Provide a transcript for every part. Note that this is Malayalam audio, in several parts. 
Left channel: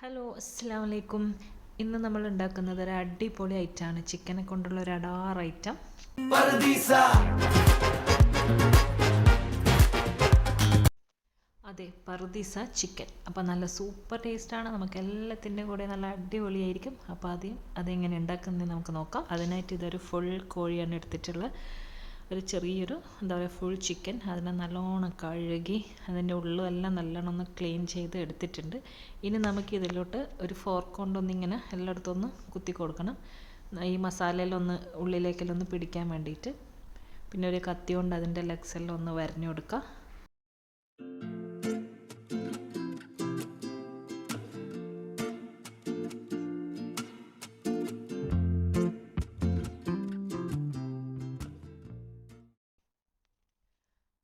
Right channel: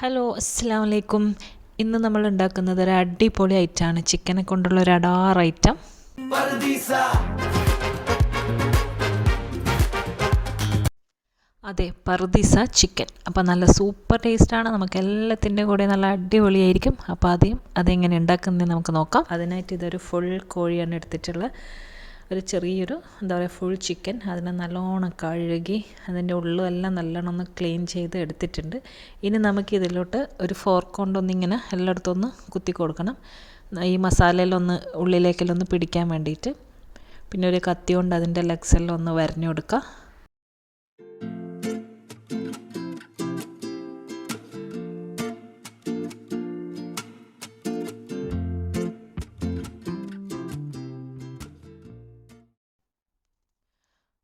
ഹലോ അസ്സലാമു അലൈക്കും. ഇന്ന് നമ്മൾ ഉണ്ടാക്കുന്നത് ഒരു അടിപൊളി ഐറ്റമാണ്, ചിക്കനെ കൊണ്ടുള്ള ഒരു അടാർ ഐറ്റം. അതെ, പർദീസ ചിക്കൻ. അപ്പോൾ നല്ല സൂപ്പർ ടേസ്റ്റാണ്, നമുക്ക് എല്ലാത്തിൻ്റെ കൂടെ നല്ല അടിപൊളിയായിരിക്കും. അപ്പോൾ അതെങ്ങനെ ഉണ്ടാക്കുന്നത് നമുക്ക് നോക്കാം. അതിനായിട്ട് ഇതൊരു ഫുൾ കോഴിയാണ് എടുത്തിട്ടുള്ളത്. ഒരു ചെറിയൊരു എന്താ പറയുക ഫുൾ ചിക്കൻ. അതിനെ നല്ലോണം കഴുകി അതിൻ്റെ ഉള്ളുമെല്ലാം നല്ലോണം ഒന്ന് ക്ലീൻ ചെയ്ത് എടുത്തിട്ടുണ്ട്. ഇനി നമുക്ക് ഇതിലോട്ട് ഒരു ഫോർക്ക് കൊണ്ടൊന്നിങ്ങനെ എല്ലായിടത്തും ഒന്ന് കുത്തി കൊടുക്കണം, ഈ മസാലയിലൊന്ന് ഉള്ളിലേക്കെല്ലാം ഒന്ന് പിടിക്കാൻ വേണ്ടിയിട്ട്. പിന്നെ ഒരു കത്തി കൊണ്ട് അതിൻ്റെ ലെഗ്സെല്ലാം ഒന്ന് വരഞ്ഞു കൊടുക്കുക.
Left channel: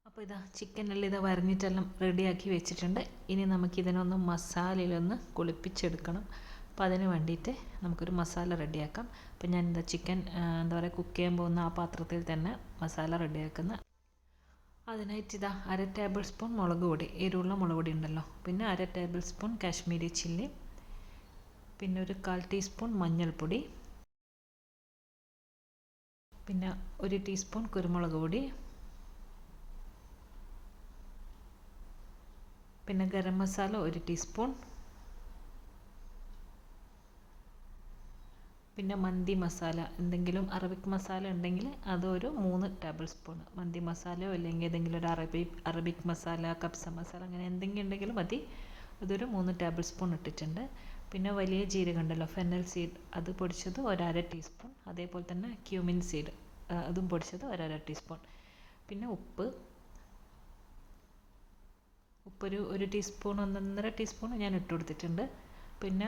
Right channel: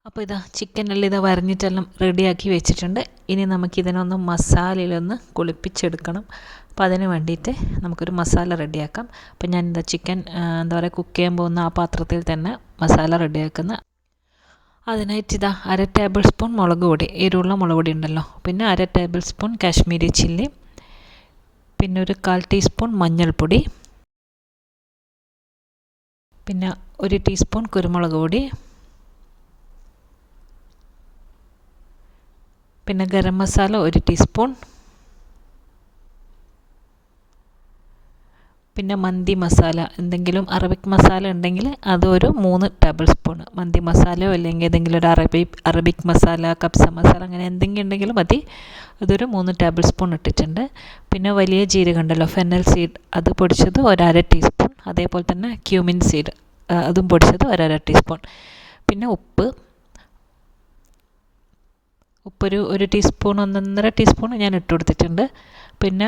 അപ്പോൾ ചിക്കനെല്ലാം വരഞ്ഞിട്ടെല്ലാം റെഡിയാക്കി വെച്ചിട്ടുണ്ട്. ഇനി നമുക്കിതിനൊന്ന് മസാലയിലൊന്ന് കുളിപ്പിച്ചെടുക്കണം. അപ്പോൾ അതിന് വേണ്ടിയിട്ട് നമുക്കൊരു മസാല റെഡിയാക്കാം. അപ്പോൾ ഞാൻ ചിക്കൻ എന്താ പറയുക കുക്ക് ചെയ്യാൻ പോകുന്ന ആ പാത്രത്തിൽ തന്നെ മസാല റെഡിയാക്കുന്ന. അതിനായിട്ട് 1/2 ടേബിൾ സ്പൂൺ മുളക് പൊടി, എരിവുള്ള മുളക് പൊടി ഉണ്ടല്ലോ, പിന്നെ 1/2 ടേബിൾ സ്പൂൺ കാശ്മീരി ചില്ലി, പിന്നെ ഒരു 1/4 ടീസ്പൂൺ മഞ്ഞൾപ്പൊടി, പിന്നെ 1 ടീസ്പൂൺ കുരുമുളക് പൊടി, പിന്നെ ഗരം മസാല 1 ടീസ്പൂൺ, പിന്നെ മന്തി മസാല, എന്തെങ്കിലും അറബിക് മസാല ഉണ്ടെങ്കിൽ അതൊരു 3 ടേബിൾ സ്പൂൺ. മന്തി മസാലയോ അല്ലെങ്കിൽ ഏതെങ്കിലും ഒരു അറബിക് മസാല, കബ്സ മസാല, അങ്ങനെ എന്തെങ്കിലും ഉണ്ടെങ്കിലും മതി. അതൊരു 3 ടേബിൾ സ്പൂൺ ഇട്ടിട്ടുണ്ട്. പിന്നെ വലിയ ജീരകം ഉണ്ടല്ലോ, ഫെന്നൽ സീഡ്, അത് പൊടിച്ചത് 1/2 ടീസ്പൂൺ. അതേപോലെ തന്നെ ക്യൂമിൻ സീഡ്, അതും പൊടിച്ചത് 1/2 ടീസ്പൂൺ. പിന്നെ ഒരു ടീസ്പൂൺ, 1.5 ടീസ്പൂൺ ഞാൻ ഇട്ട് കൊടുത്തിട്ടുണ്ട്. പിന്നെ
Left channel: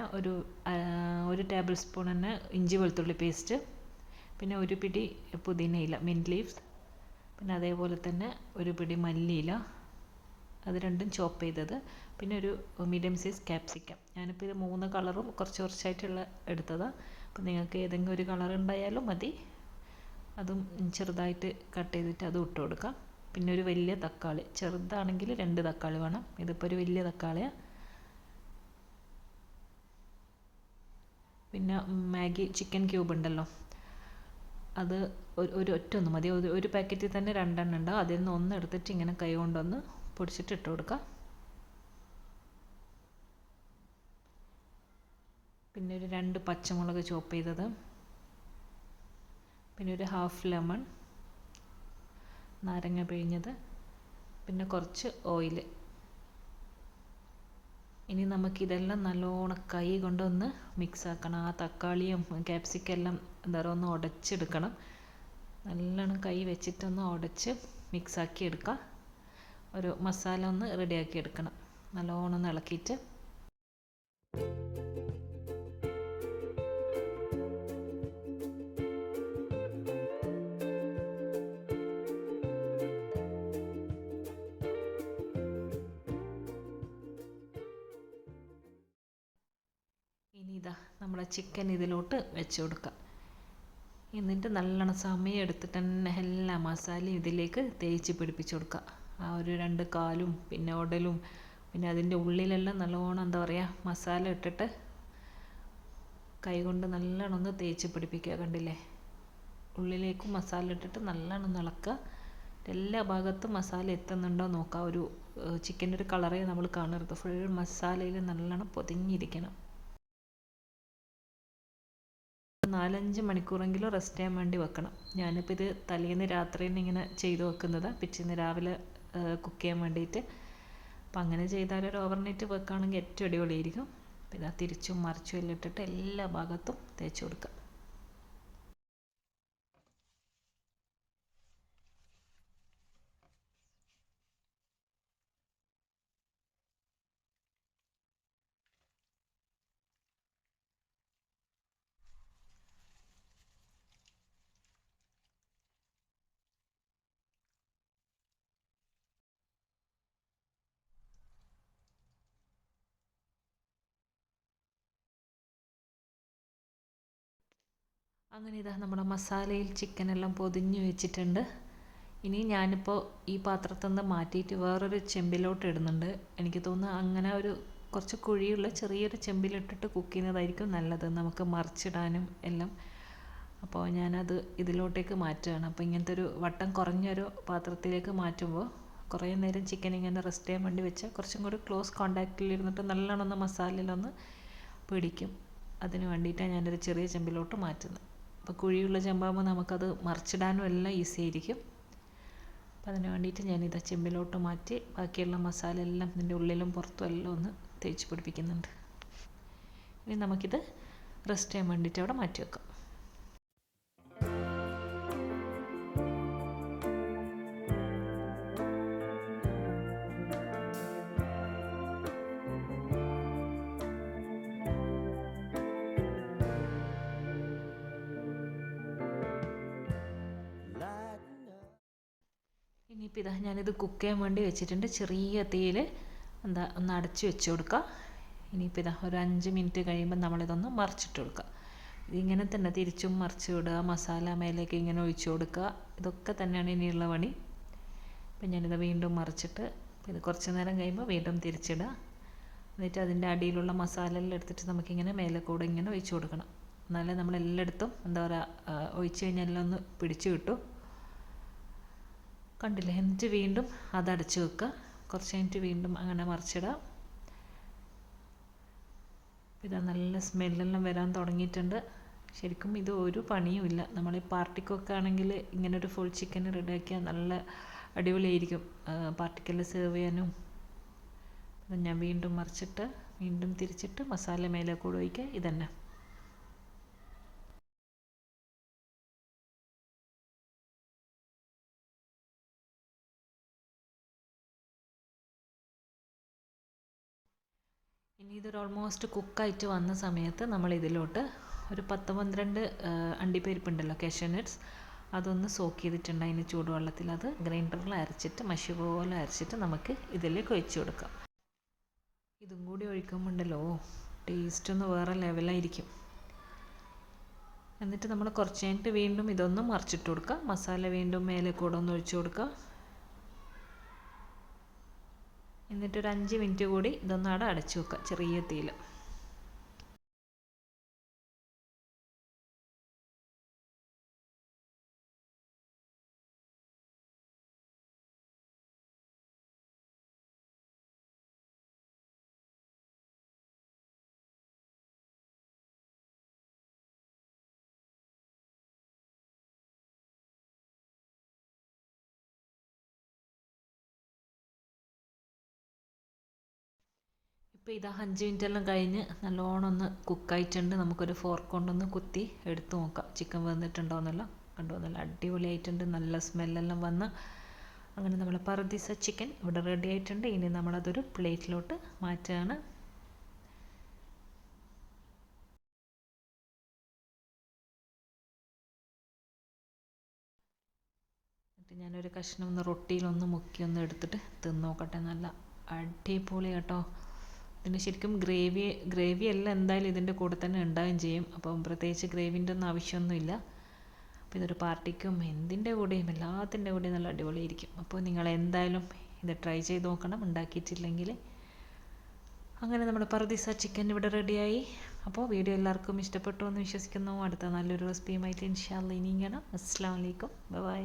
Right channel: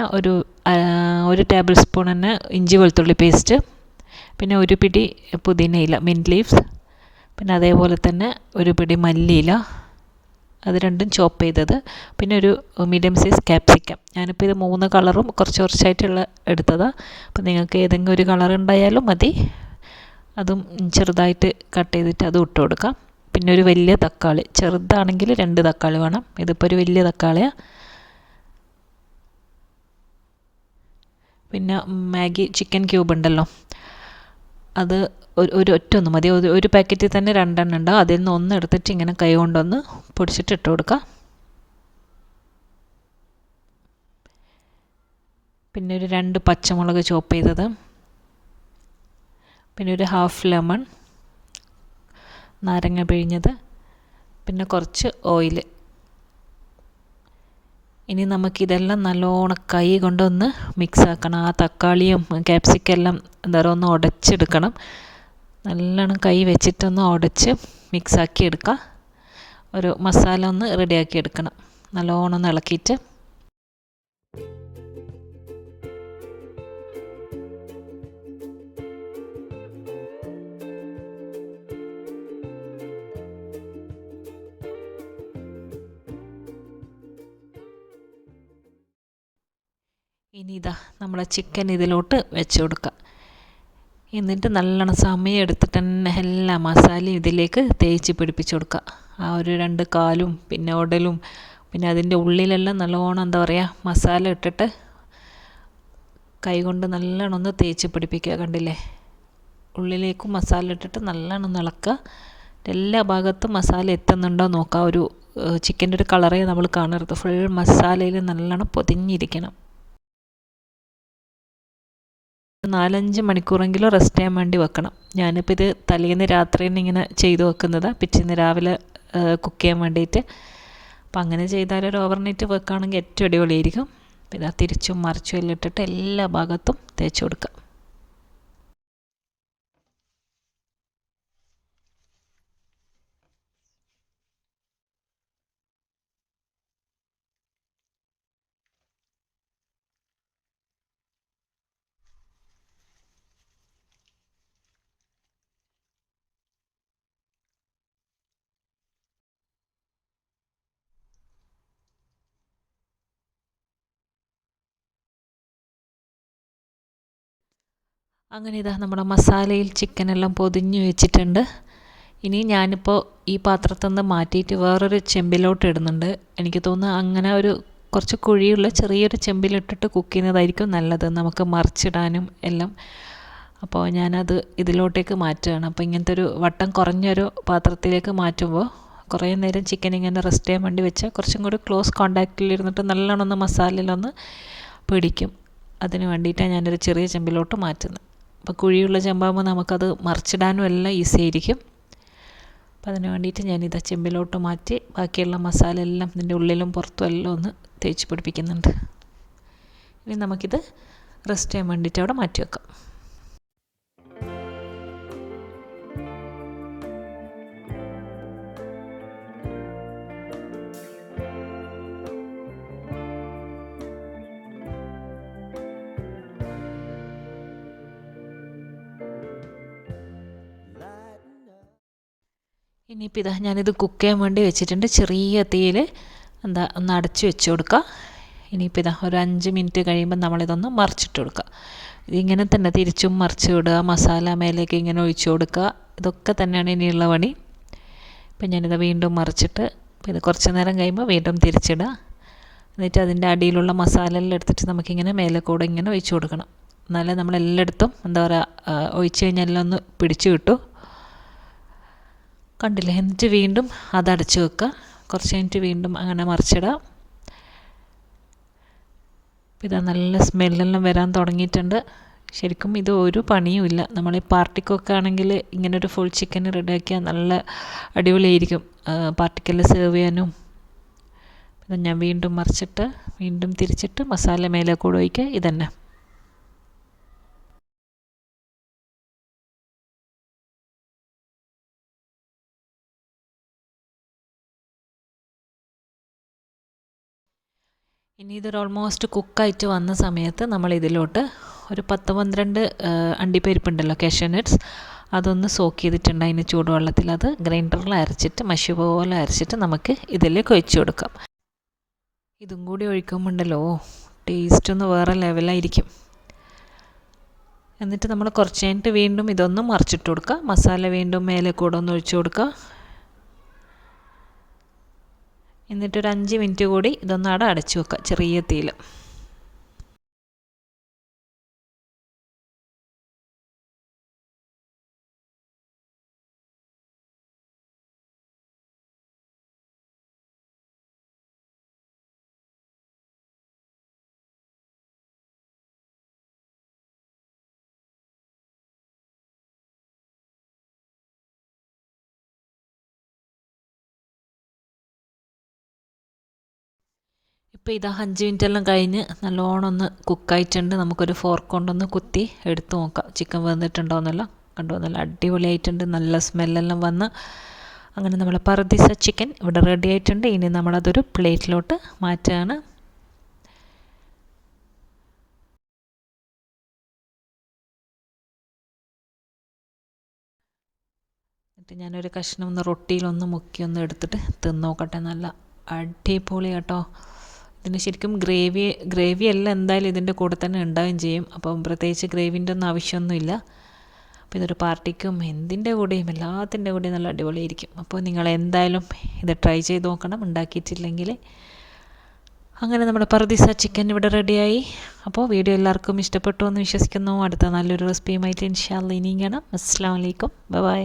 ഒരു ടേബിൾ സ്പൂൺ തന്നെ ഇഞ്ചി വെളുത്തുള്ളി പേസ്റ്റ്, പിന്നെ ഒരു പിടി പുതിനയില, മിൻറ്റ് ലീവ്സ്, പിന്നെ അതേപോലെ തന്നെ ഒരു പിടി മല്ലിയില, അത് രണ്ടും ചോപ്പ് ചെയ്തത്, പിന്നെ ഒരു മീഡിയം സൈസ് ക്യാപ്സിക്കം. ഞാനിപ്പോൾ ഇത് 3 കളറും കുറച്ചായിട്ടുള്ള എടുത്തതാണ്. അപ്പോൾ നിങ്ങൾക്ക് ഏതെങ്കിലും ഒരു കളർ ഉണ്ടായാലും മതി. അതും ചെറുതായിട്ട് കട്ട് ചെയ്തിട്ട് അതും ഇട്ട് കൊടുക്കാം. പിന്നെ ഒരു വലിയ തക്കാളി, ചെറുതാണെങ്കിൽ 2 തക്കാളി വേണം. ഇതിപ്പോൾ ഒരു വലിയ തക്കാളിയാണ്. പിന്നെ മാഗി ചിക്കൻ ക്യൂബ് ഉണ്ടല്ലോ, അത് ഒറ്റൊന്ന് മതി. ഒരു പാക്കറ്റിൽ തന്നെ 2 എണ്ണം ഉണ്ടാവും. അതിൽ നിന്ന് 1 എടുത്തിട്ട് ഇങ്ങനെ കൈ കൊണ്ടൊന്ന് പൊടിച്ചിട്ട് ഇട്ട് കൊടുക്കുക. പിന്നെ ഒരു 2 പച്ചമുളക് ചോപ്പ് ചെയ്തത്, പിന്നെ ഒരു ഹാഫ് ലെമൺ, നാരങ്ങ പിഴിഞ്ഞത്, പിന്നെ കുറച്ച് ഓയിൽ. ഇനി നമുക്കിതെല്ലാം നല്ലോണം കൈ കൊണ്ടൊന്ന് മിക്സ് ആക്കണം. ആ തക്കാളിയും ക്യാപ്സിക്കം എല്ലാം എന്താ പറയുക ഒന്ന് ഉടച്ചെടുക്കണം. നല്ലോണം കൈ വെച്ചിട്ടൊന്ന് ഉടച്ച് മിക്സാക്കി എടുക്കുക. ഒരു മസാല ഒന്ന് റെഡിയാക്കി എടുക്കണം, നല്ലോണം ഒന്ന് ഇളക്കിയിട്ട്. ഇനി നമ്മളെ ചിക്കൻ ഇതിലോട്ട് വെച്ച് കൊടുക്കുക. എന്നിട്ട് നല്ലോണം സമയം എടുത്തിട്ട് തന്നെ എല്ലാ മസാലയും ഇതിലേക്ക് തേച്ച് പിടിപ്പിച്ച് കൊടുക്കുക. ആ ഒരു 2 കാലും പിന്നെ ഉടലും പിന്നെ അതിൻ്റെ ഉള്ളിലെല്ലാം നല്ലോണം എന്താ പറയുക മസാല ഇട്ടിട്ട് കൈ കൊണ്ട് നല്ലോണം ഒന്ന് തേച്ച് പിടിപ്പിക്കുക. കണ്ടില്ലേ, ഉള്ളിലേക്കും മസാല ഇട്ടിട്ട് നല്ലോണം ഒന്ന് ഇളക്കുക. എല്ലാ ഭാഗത്തും മസാല എത്തുന്നുണ്ടോ നോക്കുക. ഒരു ചിക്കൻ്റെ ഒരു കളറേ നമ്മൾ കാണരുത്, ഫുൾ മസാലയിൽ നല്ലോണം പൊതിഞ്ഞിരിക്കണം. 4-5 മണിക്കൂറെങ്കിലും റെസ്റ്റ് ചെയ്യാൻ വേണ്ടി വെക്കണം. ഞാനിപ്പോൾ ഇത് തലേന്ന് രാത്രി തന്നെ ഇങ്ങനെ ചെയ്ത് വെക്കുന്നത്, പിറ്റേന്ന് രാവിലെ കുക്ക് ചെയ്യാൻ വേണ്ടിയിട്ട്. അപ്പം അങ്ങനെ ചെയ്താൽ ഒരു ഓവർനൈറ്റ് വെക്കുകയാണെങ്കിൽ ഏറ്റവും അടിപൊളിയായിരിക്കും. പിന്നെ തിരിച്ചും മറിച്ചും എല്ലാം ഇട്ടിട്ട് എല്ലാ ഭാഗത്തും തേച്ച് കൊടുക്കുക. അങ്ങനെ നമ്മുടെ മസാലയിൽ ചിക്കനെല്ലാം പൊതിഞ്ഞ് വെച്ചിട്ടുണ്ട്. ഇനി ഞാനിപ്പോൾ ഈ പാത്രത്തിൽ നിന്ന് മാറ്റിയിട്ട് വേറൊരു ചെമ്പിലോട്ട് ഇടുന്നുണ്ട്. എനിക്ക് തോന്നുന്നു അങ്ങനെ ഒരു കുറച്ച് കുഴിയുള്ള ചെറിയൊരു ചെമ്പിലിട്ടിട്ട് കുക്ക് ചെയ്യുന്നതായിരിക്കും നല്ലത്, നമുക്ക് മറിച്ചിടാനും എല്ലാം. അപ്പോൾ ഞാനത് ഇതിലോട്ടേക്ക് മാറ്റുകയാണ്. അപ്പോൾ ഇങ്ങനത്തെ ഒരു വട്ടം കുറഞ്ഞൊരു പാത്രത്തിലേക്ക് മാറ്റുമ്പോൾ കുറേ നേരം ചിക്കൻ ഇങ്ങനെ റെസ്റ്റ് ചെയ്യാൻ വേണ്ടി വെച്ചാൽ കുറച്ചും കൂടി ക്ലോസ് കോണ്ടാക്റ്റിലിരുന്നിട്ട് നല്ലോണം ഒന്ന് മസാലയിലൊന്ന് പിടിക്കും. അതിന് വേണ്ടിയിട്ടാണ് ഞാനൊരു ചെറിയ ചെമ്പിലോട്ട് മാറ്റുന്നത്. അപ്പോൾ കുഴിയുള്ള ചെമ്പാകുമ്പോൾ നമുക്കത് മറിച്ചിടാനും എല്ലാം ഈസി ആയിരിക്കും. അപ്പോൾ അതിന് വേണ്ടിയിട്ട് ഞാനിത് ചെമ്പിലോട്ട് മാറ്റി ബാക്കിയുള്ള മസാല എല്ലാം ഇതിൻ്റെ ഉള്ളിലും പുറത്തും എല്ലാം ഒന്ന് തേച്ച് പിടിപ്പിക്കുന്നുണ്ട്. ഇനി നമുക്കിത് റെസ്റ്റ് ചെയ്യാൻ വേണ്ടിയിട്ട് അവിടെ മാറ്റി വെക്കാം. ഇനിയിപ്പോൾ ഇതാ ഞാനിത് കുക്ക് ചെയ്യാൻ വേണ്ടി വെച്ചിട്ടുണ്ട്. ചെറിയ തീയിൽ ഒന്ന് അടച്ച് വെച്ച് കൊടുക്കുക. ഇനിയിപ്പോൾ ഇതാ ഒരു 5 മിനിറ്റ് കഴിയുമ്പോൾ നമ്മളിതൊന്ന് മറിച്ചിട്ട് കൊടുക്കുക. ഇതിങ്ങനെ തന്നെ തിരിച്ചും മറിച്ച് വിടുക, മസാല മേലേക്ക് ഇങ്ങനെ ഒഴിച്ചു കൊടുക്കുക. ഇതൊക്കെ തന്നെയാണ് ഇനിയുള്ള പണി. ഇപ്പം ഞാനിത് വീണ്ടും മറിച്ചിട്ട് ഇത് കുറച്ച് നേരം കഴിയുമ്പോൾ വീണ്ടും തിരിച്ചിടുക. എന്നിട്ട് അതിൻ്റെ അടിയിലുള്ള മസാല എല്ലാം എടുത്തിട്ട് നമുക്കിങ്ങനെ മേലെ കൂടെ ഇങ്ങനെ ഒഴിച്ചു കൊടുക്കണം. എന്നാലേ നമ്മളെല്ലായിടത്തും എന്താ പറയുക ഒഴിച്ച് കഴിഞ്ഞാൽ എല്ലാം ഒന്ന് പിടിച്ച് കിട്ടും. കണ്ടില്ലേ? എന്നിട്ട് വീണ്ടും അതടച്ച് വെക്കുക. കുറച്ച് കഴിഞ്ഞിട്ട് വീണ്ടും അങ്ങനെ മറിച്ചിടാം. ഇതാ നല്ല സ്മെല്ലെല്ലാം വരാൻ തുടങ്ങിയിട്ടുണ്ട്. ശരിക്കും ഇത് ഒരു പണിയുമില്ല. നമ്മൾ ഈ പാർട്ടിക്കൊക്കെ ആണെങ്കിൽ ഇങ്ങനൊരു ഫുൾ ചിക്കൻ റെഡിയാക്കിയാൽ നല്ല അടിപൊളിയായിരിക്കും പാർട്ടിക്കെല്ലാം സെർവ് ചെയ്യാനും. ഞാൻ വീണ്ടും മറിച്ചിട്ട് വീണ്ടും തിരിച്ചിട്ട് മസാല മേലെ കൂടെ ഒഴിക്കുക. ഇതന്നെ. ഇനി ഇതൊരു ഓൾമോസ്റ്റ് കുക്കായിട്ട് വന്ന സമയത്ത് നമ്മൾ ഇതിലോട്ട് ഒരു 10-12 അണ്ടിപ്പരിപ്പുണ്ടല്ലോ, കാഷ്യൂ നട്ട്സ്, അതൊന്ന് സോക്ക് ചെയ്തിട്ടുണ്ട് അതിന് ചൂടുവെള്ളത്തിൽ. അത് ഗ്രൈൻഡറിൽ അരച്ചിട്ട് മഷി പോലെ അരച്ചിട്ട് നമുക്ക് ഇതിലേക്ക് ഒഴിച്ചു കൊടുക്കാം. ഇതും കൂടി ഒഴിക്കുമ്പോണ്ടല്ലോ ടേസ്റ്റ് ഒന്ന് വേറെ ലെവലായിരിക്കും. എന്നിട്ട് നമ്മൾ കുറച്ച് കഴിഞ്ഞിട്ട് വീണ്ടും ഇതൊന്ന് മറിച്ചിട്ട് കൊടുക്കുക. മസാല വീണ്ടും മേലെ കൂടെ ഒന്ന് ഒഴിച്ചു കൊടുക്കുക. എന്നിട്ടൊരു 5 മിനിറ്റ് കൂടി ഇതൊന്ന് അവിടെ അടച്ചു വെക്കുക ചെറിയ തീയിൽ. ഇപ്പോൾ ഇതാ 5 മിനിറ്റെല്ലാം കഴിഞ്ഞ് നല്ലോണം ഒന്ന് കുക്കായിട്ടുണ്ട്. നമുക്കൊരു ഫോർക്ക് കൊണ്ടൊന്ന് കുത്തി എടുത്ത് നോക്കാം ചിക്കൻ വന്നിട്ടുണ്ടോയെന്നല്ല. കണ്ടോ, നല്ല അടിപൊളിയായിട്ടുണ്ട്. നല്ല സ്മെല്ലെല്ലാം വന്ന് അങ്ങനെ നമ്മളെ പറുദീസ ചിക്കൻ ഇവിടെ റെഡി ആയിട്ടുണ്ട്. ഇനി നമ്മളതൊരു പ്ലേറ്റിലോട്ട് മാറ്റുകയാണ്. എന്നിട്ട് ഞാനൊരു കഷ്ണം ഒന്ന് റൊട്ടിയിലൊന്ന് മുക്കി ഒന്ന് എടുത്തിട്ട് തിന്ന് നോക്കട്ടെ. നല്ല അടിപൊളി കേട്ടോ. ഇതിന് ശരിക്കും ഗ്രേവി എല്ലാം എന്തായാലും ഇതിൻ്റെ കൂടെ തന്നെ ഉണ്ടാവുകയും ചെയ്യും. അപ്പം പ്രത്യേകിച്ച് ഗ്രേവിൻ്റെ ഒന്നും ആവശ്യമൊന്നുമില്ല. അപ്പോൾ ഇതൊരു പാർട്ടിക്കും എന്തിൻ്റെ കൂടെയും എല്ലാത്തിൻ്റെ കൂടെയും നല്ല അടിപൊളിയായിരിക്കും. അപ്പോൾ നിങ്ങൾ എന്തായാലും ഇത് ട്രൈ ചെയ്ത് നോക്കണം ഉണ്ടാക്കിയിട്ടില്ലെങ്കിൽ. അങ്ങനെ നമ്മുടെ പറുദീസ ചിക്കൻ ഇവിടെ റെഡിയായി. അപ്പോൾ വീഡിയോ എല്ലാവർക്കും ഇഷ്ടപ്പെട്ടു എന്ന് വിശ്വസിക്കുന്നു. അടുത്ത നല്ലൊരു റെസിപ്പിയുമായിട്ട് ഇൻഷാ അല്ലാഹ് ഇനിയും കാണാം. അസ്സലാമു അലൈക്കും, ബൈ ബൈ.